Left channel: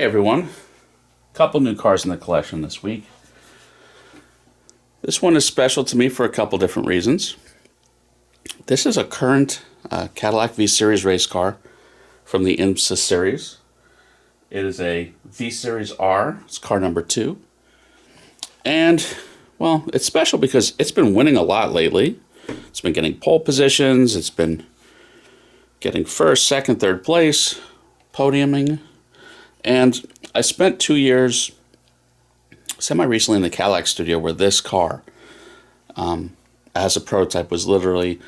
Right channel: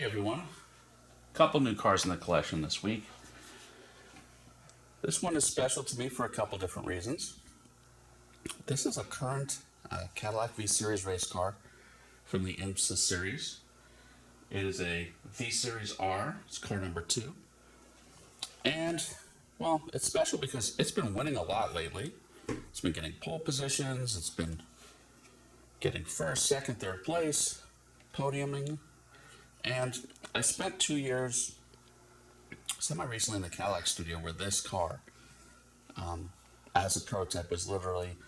Hey everyone, couple new cars in the collection this week. This one is special to me for a couple different reasons. This is a current Cadillac V-Series race car from the IMSA series. It is a V-Series R, it's car number 2. And, well, it's special because it's been winning a lot lately. It's been getting pole positions, it's been getting first, second, third place, podiuming. And I spent 2 years semi-recently in the Cadillac studio where this car, as a prototype, was literally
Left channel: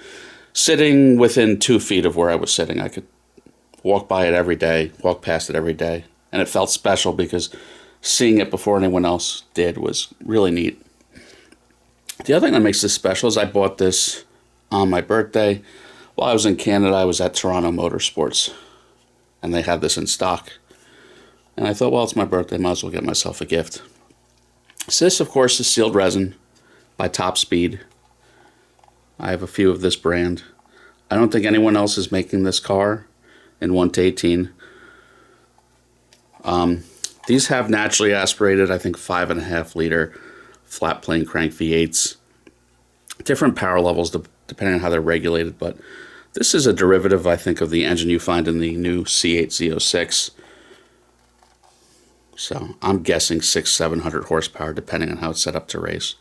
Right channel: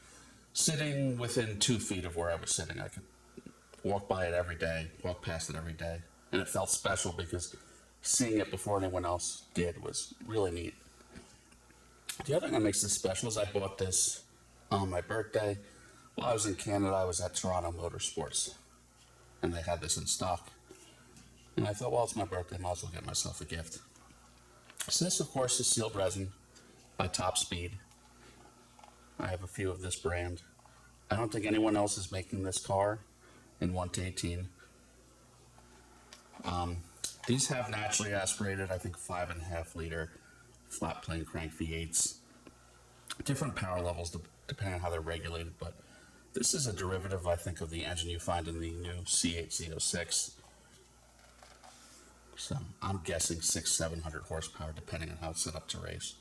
sitting within 2 feet of where I was sitting. I could walk by it every day, walk past it every day. And it felt special because seeing it before anyone else did was really neat. The other thing that makes this special is I bought this on my birthday. While I was in Canada, I was at Toronto Motorsports, and they had this in stock. And I thought, well, it's my birthday, might as well get myself a gift. So this, of course, is sealed resin by Top Speed. I have a few of this brand. I don't think anyone else is making this car in 1-18. These have naturally aspirated, I think, 5.5 liter flat plane crank V8s. Different power levels depending on how they're regulated, but this is a derivative, I think, of the engine you find in the new C8 Z06. So I'm guessing 600-700 horsepower, depending on how it's set up to race.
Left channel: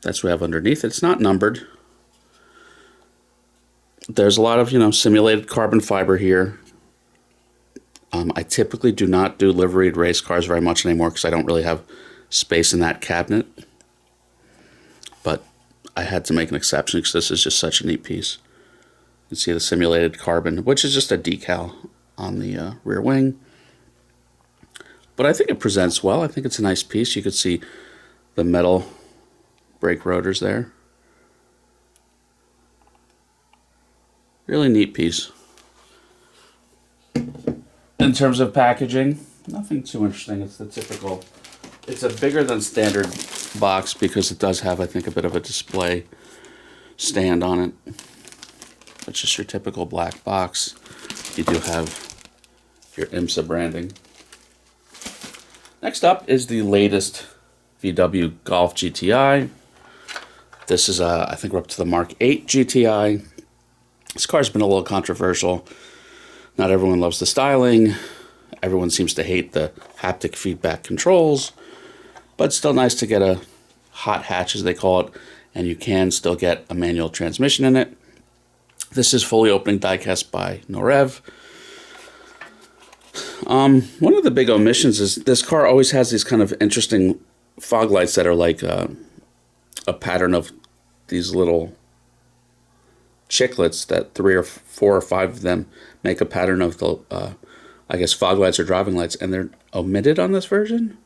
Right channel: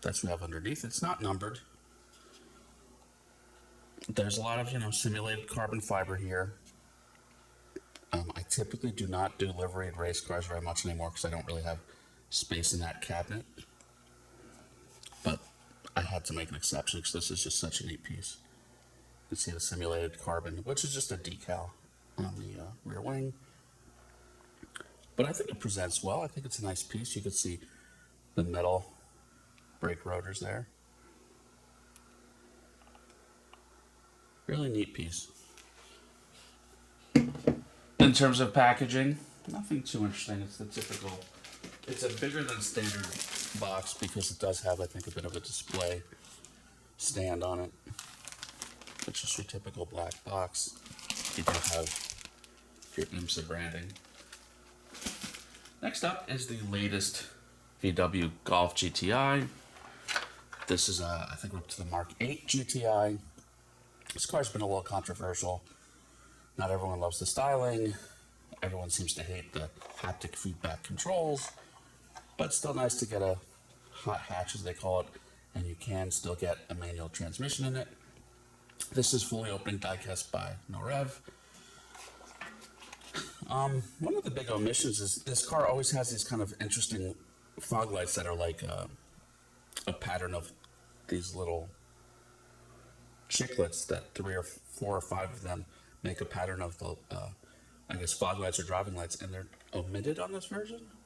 That's what we have underneath. It's not numbered. There's a lot of, simulated carbon fiber here. I typically do not do liveried race cars very much anymore because I don't really have space in that cabinet. But I had to make an exception because this is just such a neat piece. You can see the simulated carbon, which is just a decal on the rear wing. But I think it presents well. I think it's a nice piece. You could see the metal brake rotors there. Really neat piece. In terms of packaging, nothing too interesting. It's the typical, it's a bigger than standard box because it does have, I think, a bit of a display stand on it. It's just your typical black box. You do have your IMSA branding. Next up is the latest VW Golf GTI. This is, I think we're up to the Mk8 GTI. This car's been a little controversial. Not everyone loves the styling. Everyone seems to hate the haptic feedback controls. But it's still nice to get a hot hatch, as they call it, and you can still get a manual transmission in it. This is fully opening diecast by Norev. One of the big omissions is this car always has these kind of interesting fog lights that are like a pattern of these little chiclets that 3 or 4 or 5 of them make a pattern of the, I guess, fog lights or driving lights, and they're omitted on this version.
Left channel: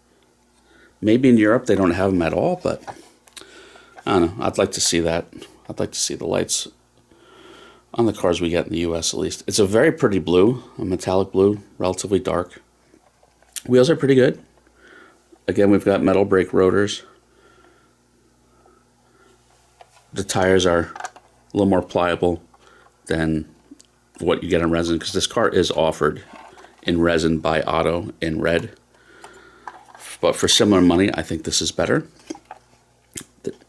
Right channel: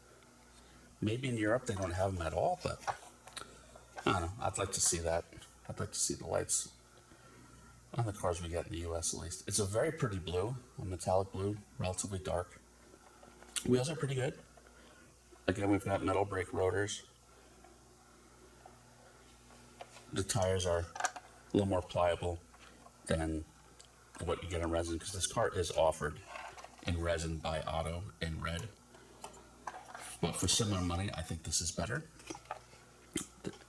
Maybe in Europe they don't have them at all, but I don't know. I'd like to see that. I'd like to see the lights on the cars we get in the US at least. It's a very pretty blue, a metallic blue, relatively dark. Wheels are pretty good. Again, we've got metal brake rotors. The tires are a little more pliable than what you get in resin because this car is offered in resin by Auto in red. But for similar money, I think this is better.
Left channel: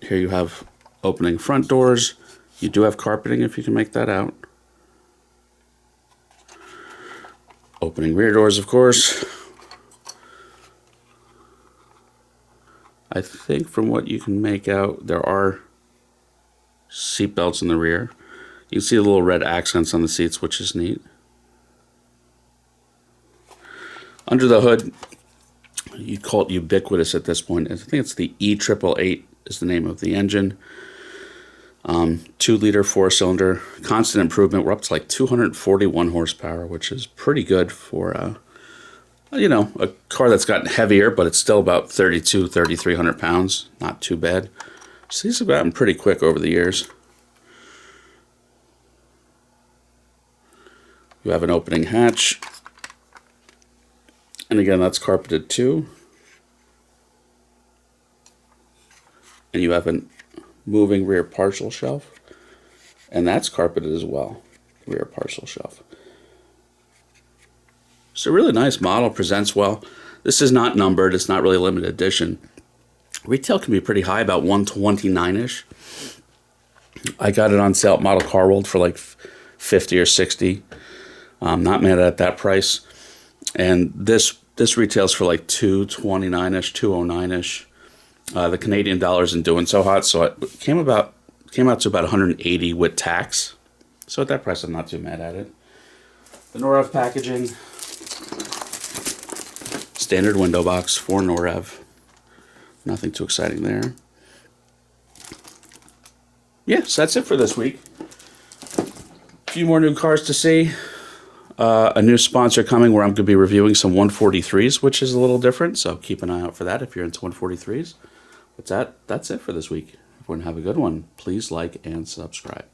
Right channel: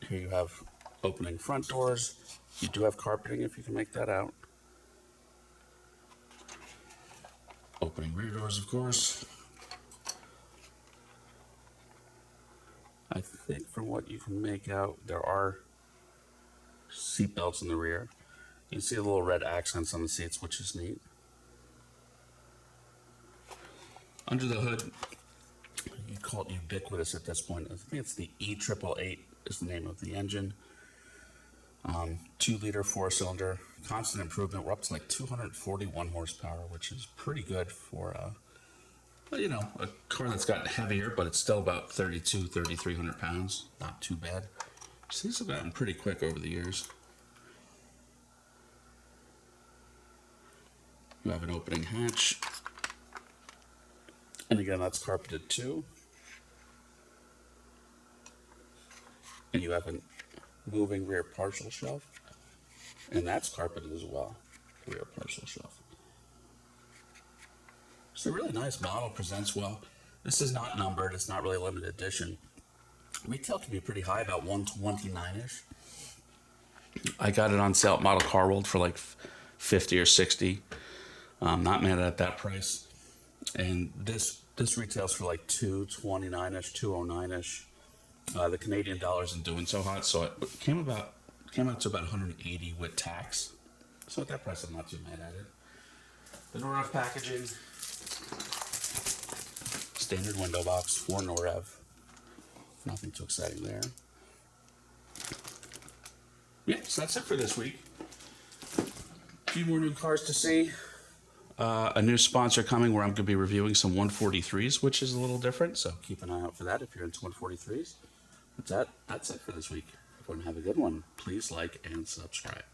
Here you have opening front doors. You do have carpeting if you can make that out. Opening rear doors, of course. I think from what you can make out, there are seat belts in the rear. You can see the little red accents on the seats, which is neat. Under the hood, you call it ubiquitous at this point. I think it's the E888 is the name of the engine. 2-liter 4-cylinder, constant improvement. We're up to like 241 horsepower, which is pretty good for, a car that's gotten heavier, but it's still about 3,300 pounds. Not too bad. So these have gotten pretty quick over the years. You have an opening hatch. And again, that's carpeted too. And you have a moving rear parcel shelf. And that's carpeted as well, rear parcel shelf. It's a really nice model, presents well. This is not numbered, it's not really limited edition. Retail can be pretty high, about 129-ish. I got it on sale at Model Car World for like 50 or 60. I'm not mad at that price. And this retails for like 229-ish, 209-ish. The Canadian dollar isn't doing so hot, so it came out to about 180 with tax. So at that price, I'm not too mad at it. The Norev packaging, standard window box for Norev. Nothing too exciting there. Yeah, so that's it for this week. A few more new cars to see. A new sponsor coming where I'm going to be reviewing some 143s, which is a little different. So keep an eye out for that if you're into 143s. But that's it for this week. Everyone have a good one. Please like and subscribe.